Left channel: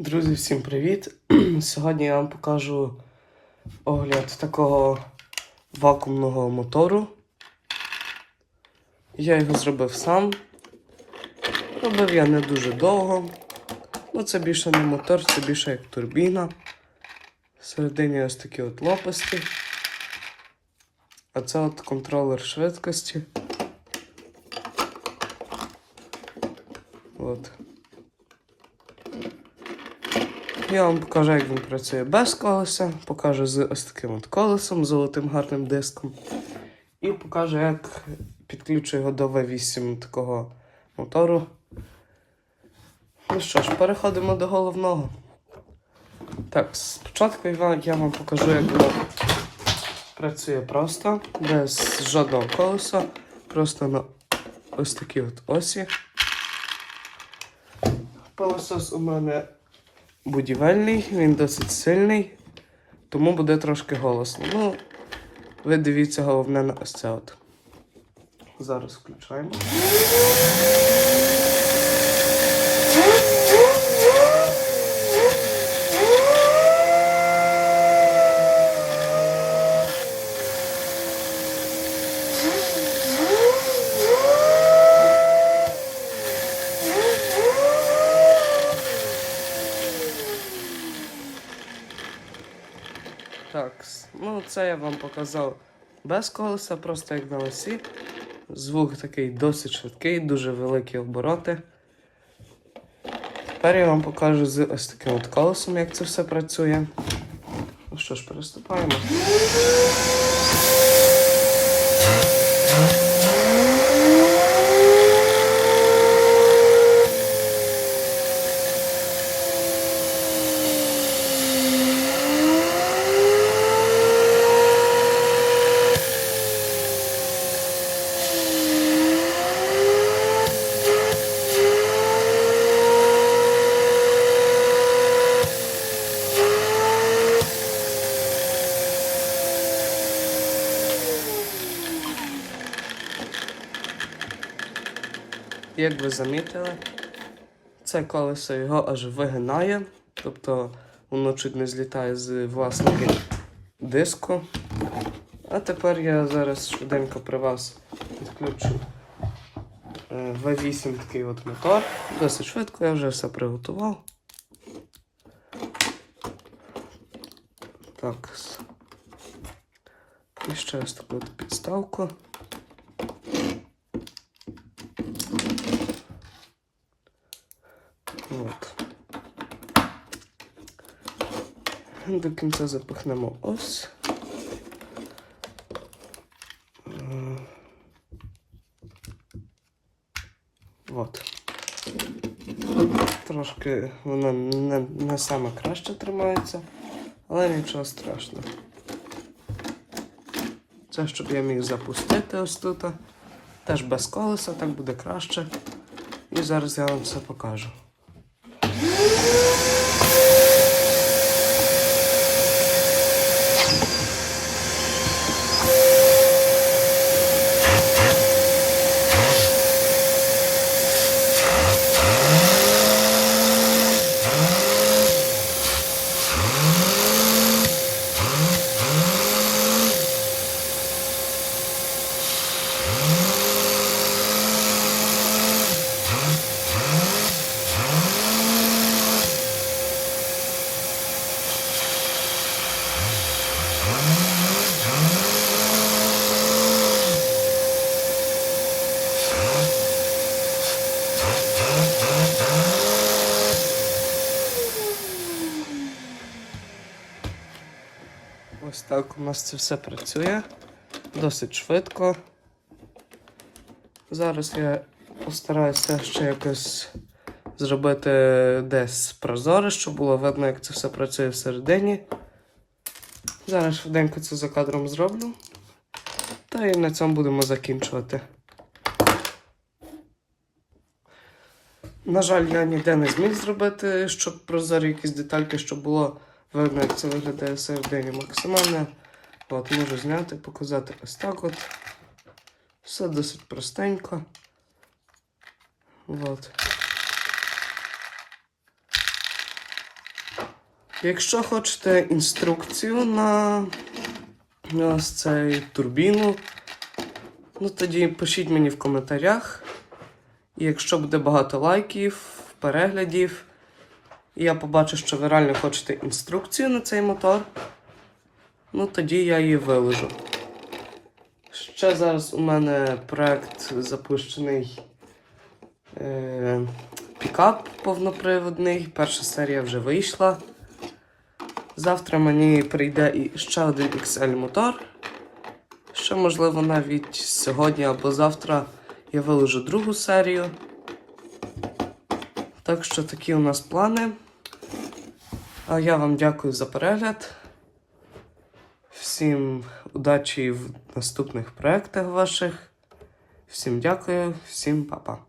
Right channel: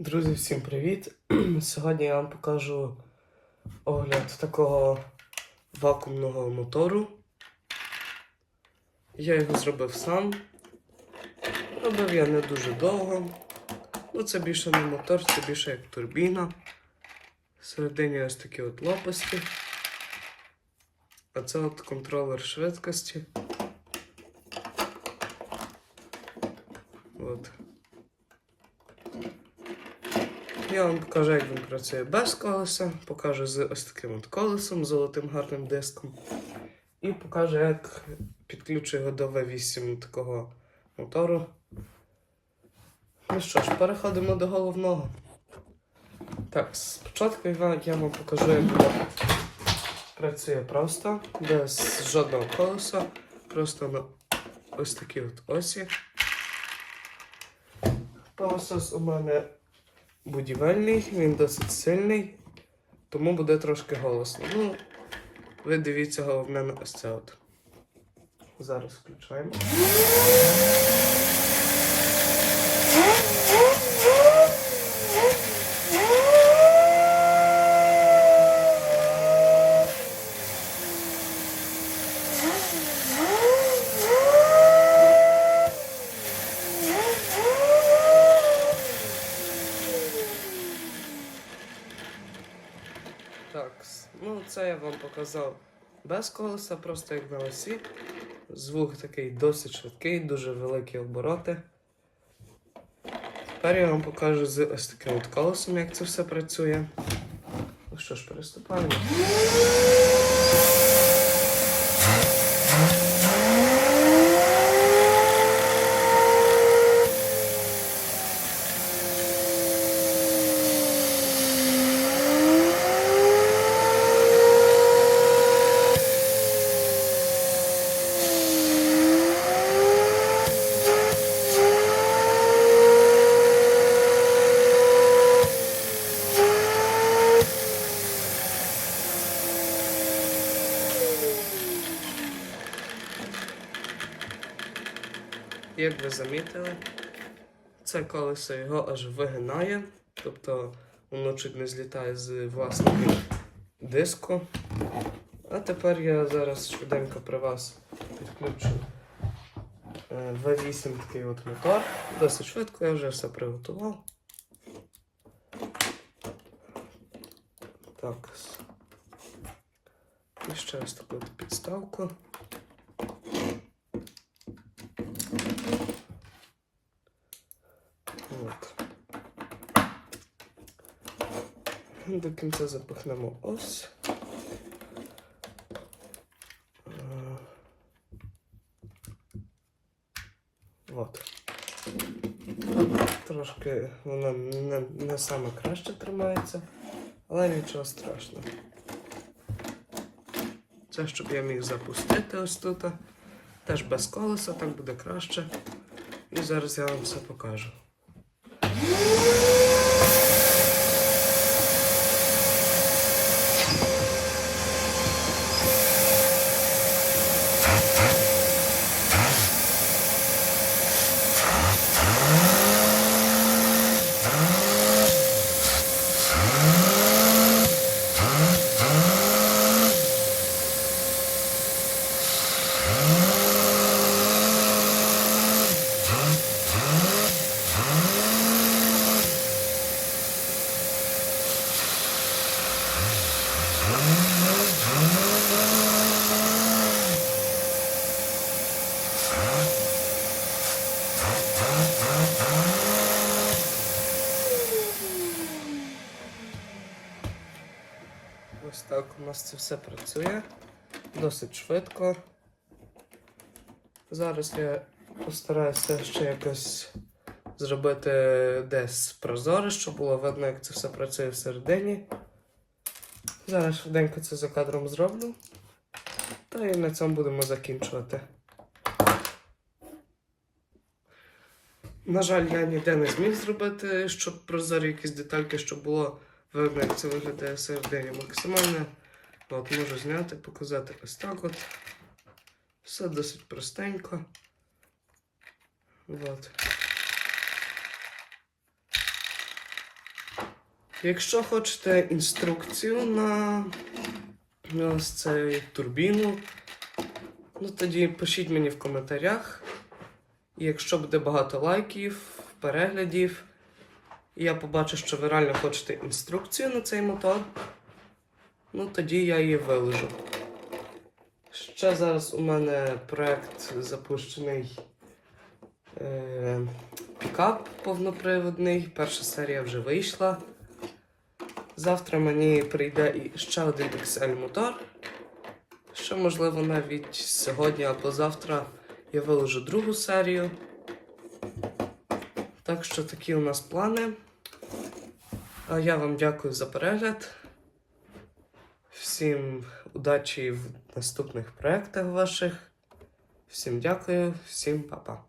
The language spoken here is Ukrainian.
Друзі, всім привіт! Сьогодні я вам покажу огляд такого вакуумного мотору. Я його зробив сам. Робив я не дуже довго. Ну, це більше не мотор, це більше як турбіна. Всередині ось такі от лопасті. А це от контролер швидкості. От. Я вам покажу, як він працює без колеса, покажу з ось таким от колесом, золотим гарним диском. І покажу, як підключу його до V8 такого мотору. Ну що ж, переходимо до головного. Так, спочатку я вам покажу, як він працює просто, без жодного колеса, просто на ось такій от осі. Пилосос у мене будівельний, він досить сильний, тому буде трошки голосно. Ну, ви дивіться головне на ось це от. Зараз включаємо. Так, це я вам показав без колеса, просто як на осі. Звук такий досить швидкий, дуже великі обороти. Тепер я вам покажу з ось таким от колесом, як це все працює. Ну що ж, приступаємо. Як ви замітили, це колесо його аж вигинає, тобто воно чуть не злітає з власного диску. А тепер я зараз швиденько при вас підключу е, V8 такий от мотор. Досить швидко, я вже все приготував. Так. І ще ось таку підставку. От. До кінця запихнемо ось. От. Трошки воно не, не саме краще тримається, але нічого страшного. Це щоб я міг запустити ось тут. Теж без колеса, так буде краще. І зараз я вам все покажу. Woo! Ось так у нас це все працює. Досить швидко. Зараз я постараюся ще якось зробити десь прозоре, щоб було видно, як це все працює всередині. Зараз швиденько це за кадром зроблю. Та і на цьому будемо закінчувати. На жаль, я ніде не зміг зробити, щоб прозорі якісь детальки, щоб було видно, як це виглядає всередині максимально. От, можу зняти, показати ось так от. Все досить простенько. От. Якщо хочете інструкцію на, ось цей турбіну, ну тоді пишіть мені в коментарях. І якщо буде багато лайків, переглядів, і я побачу, що ви реально хочете інструкцію на цей мотор, ну тоді я її виложу. Ще зараз у мене проект запущений е, пікап повноприводний. Перша серія вже вийшла. Завтра мені прийде і ще один XL мотор. Ще, можливо, навіть сьогодні або завтра я виложу другу серію. Так що такі у нас плани. А я вам дякую за перегляд. Всім удачі в наступних проєктах ваших. Всім дякую, всім па-па.